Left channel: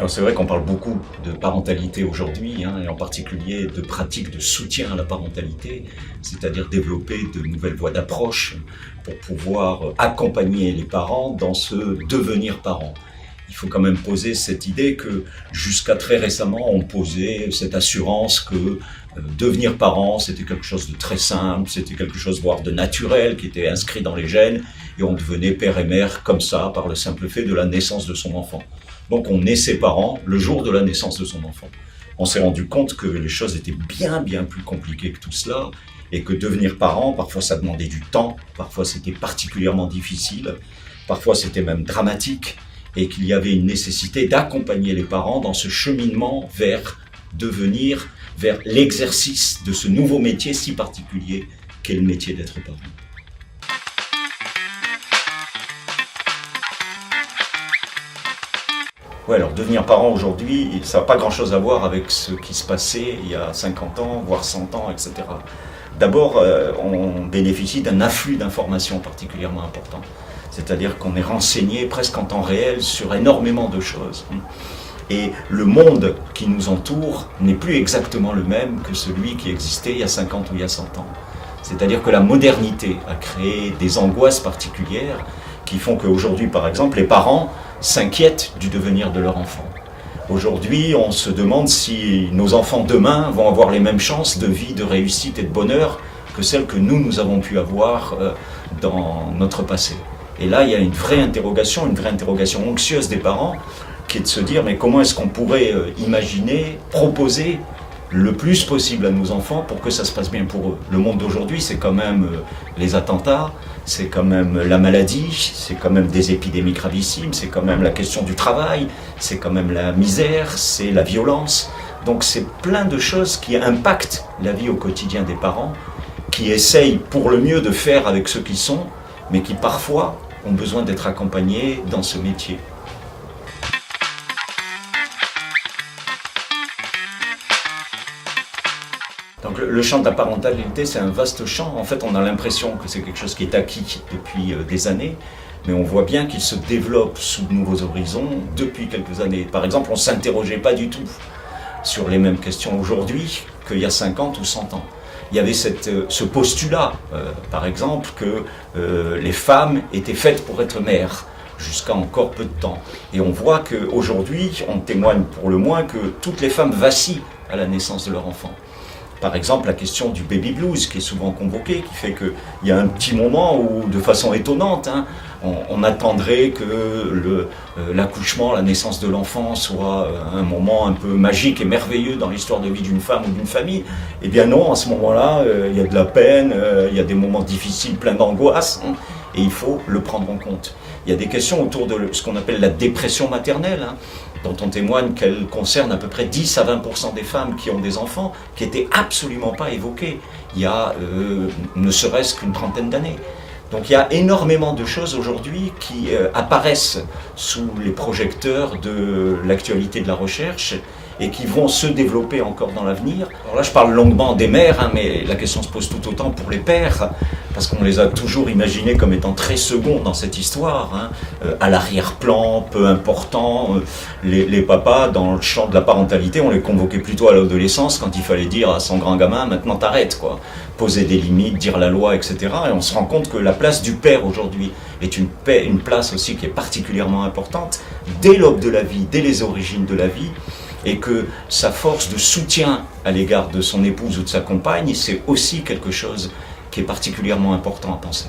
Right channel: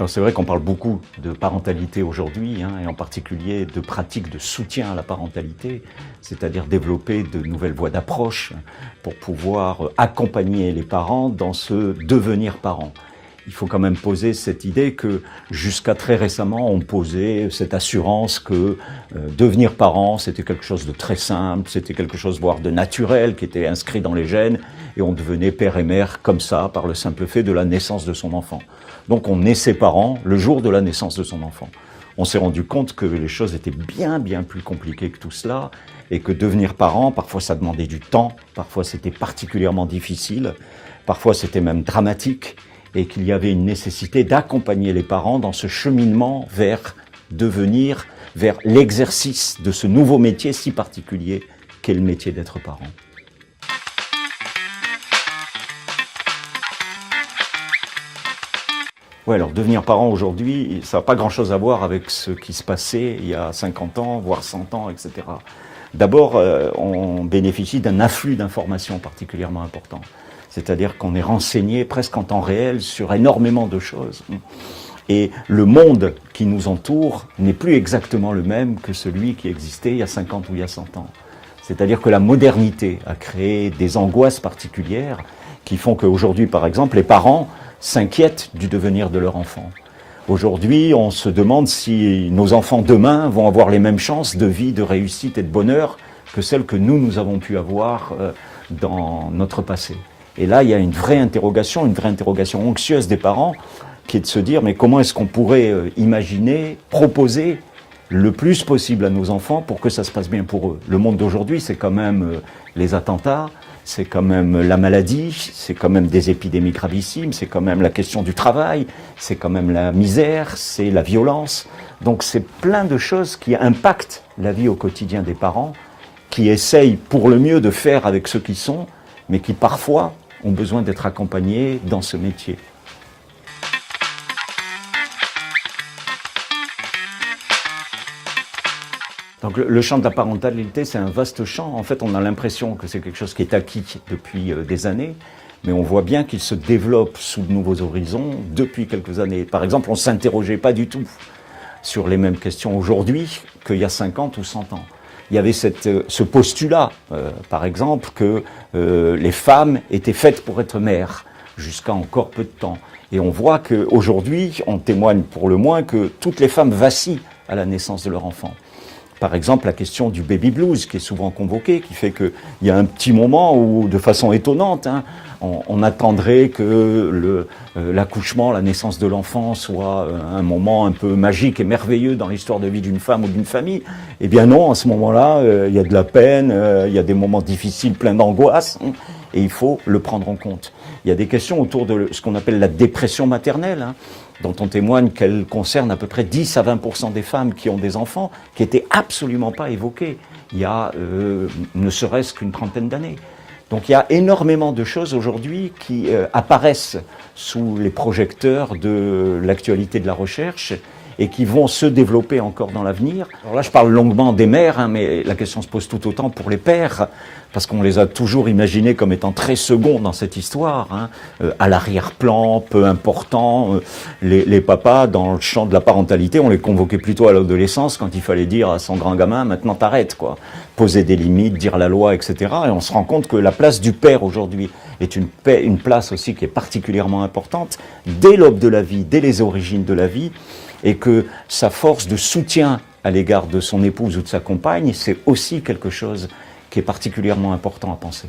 Alors c'est vrai qu'on parle beaucoup de parentalité aujourd'hui, et en particulier de pratiques de soutien à la parentalité, c'est-à-dire développer de nouvelles voies d'approche pour pouvoir accompagner les parents dans ce devenir parent. Il faut quand même poser cette idée que jusqu'à très récemment, on posait cette assurance que devenir parent, c'était quelque chose de très simple, c'était quelque chose voire de naturel, qui était inscrit dans les gènes, et on devenait père et mère comme ça, par le simple fait de la naissance de son enfant. Donc on naît ses parents le jour de la naissance de son enfant. On s'est rendu compte que les choses étaient bien plus compliquées que tout cela, et que devenir parent, parfois ça demandait du temps, parfois c'était particulièrement difficile, parfois c'était même dramatique, et qu'il y avait une nécessité d'accompagner les parents dans ce cheminement vers devenir, vers l'exercice de ce nouveau métier si particulier qu'est le métier d'être parent. Ouais, alors devenir parent aujourd'hui, ça n'a pas grand-chose à voir avec ce qui se passait il y a 50 ans, voire 100 ans, etc. D'abord, on bénéficie d'un afflux d'informations particulièrement important. C'est-à-dire qu'on est renseigné presque en temps réel sur énormément de choses. Et le monde qui nous entoure n'est plus exactement le même que celui qui existait il y a 50 ou il y a 100 ans. C'est-à-dire que la modernité a créé des angoisses particulières qui font qu'aujourd'hui, par exemple, les parents s'inquiètent du devenir de leur enfant. Aujourd'hui, on se demande si nos enfants demain vont avoir les mêmes chances de vie, de réussite et de bonheur que celles que nous avons pu avoir dans notre passé. Et là, il y a une vraie interrogation anxieuse des parents, qui est de se dire, mais comment est-ce qu'on pourrait imaginer, proposer le plus possible à nos enfants pour que ça se passe bien pour eux. Le monde d'aujourd'hui, c'est quand même les attentats, c'est quand même la maladie, c'est quand même des épidémies gravissimes, c'est quand même la question du travail, c'est quand même la misère, c'est la violence. Donc c'est plein de choses qui impactent la vie au quotidien des parents, qui essayent pour le mieux de faire avec ce qu'ils sont, mais qui parfois ont besoin d'être accompagnés dans ce métier. Donc le champ de la parentalité, c'est un vaste champ. En fait, on a l'impression que c'est quelque chose qui est acquis depuis des années, mais on voit bien qu'il se développe sous de nouveaux horizons depuis quelques années. Par exemple, on ne s'interrogeait pas du tout sur les mêmes questions aujourd'hui qu'il y a 50 ou 100 ans. Il y avait ce postulat, par exemple, que les femmes étaient faites pour être mères, jusqu'à encore peu de temps. Et on voit qu'aujourd'hui, on témoigne pour le moins que toutes les femmes vacillent à la naissance de leur enfant. Par exemple, la question du baby blues qui est souvent convoquée, qui fait qu'il y a un petit moment où, de façon étonnante, on attendrait que l'accouchement, la naissance de l'enfant soit un moment un peu magique et merveilleux dans l'histoire de vie d'une femme ou d'une famille. Eh bien non, à ce moment-là, il y a de la peine, il y a des moments difficiles, pleins d'angoisse, et il faut le prendre en compte. Il y a des questions autour de ce qu'on appelle la dépression maternelle, dont on témoigne qu'elle concerne à peu près 10 à 20% des femmes qui ont des enfants, qui n'étaient absolument pas évoquées il y a ne serait-ce qu'une trentaine d'années. Donc il y a énormément de choses aujourd'hui qui apparaissent sous les projecteurs de l'actualité de la recherche et qui vont se développer encore dans l'avenir. Alors là, je parle longuement des mères, mais la question se pose tout autant pour les pères, parce qu'on les a toujours imaginés comme étant très seconds dans cette histoire, à l'arrière-plan, peu important. Les papas, dans le champ de la parentalité, on les convoquait plutôt à l'adolescence, quand il fallait dire à son grand gamin, maintenant t'arrêtes, quoi. Poser des limites, dire la loi, etc. Et on se rend compte que la place du père aujourd'hui est une place aussi qui est particulièrement importante, dès l'aube de la vie, dès les origines de la vie, et que sa force de soutien à l'égard de son épouse ou de sa compagne, c'est aussi quelque chose qui est particulièrement important à penser.